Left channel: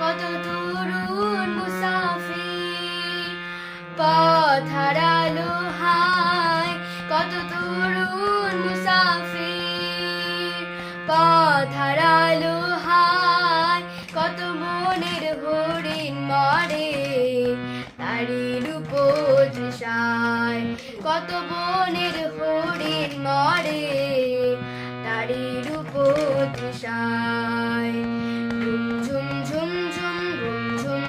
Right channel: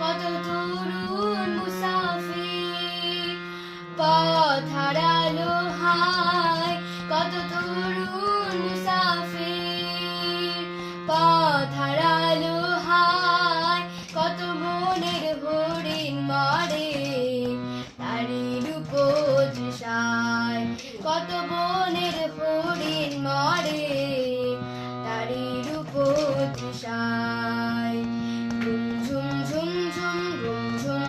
কত তরুণ মুসাফির পথ হারালো হায়, কত তরুণ মুসাফির পথ হারালো হায়, কত মনের হরিণ মরে তারি রূপ তৃষায়, কত বনের হরিণ মরে তারি রূপ তৃষায়।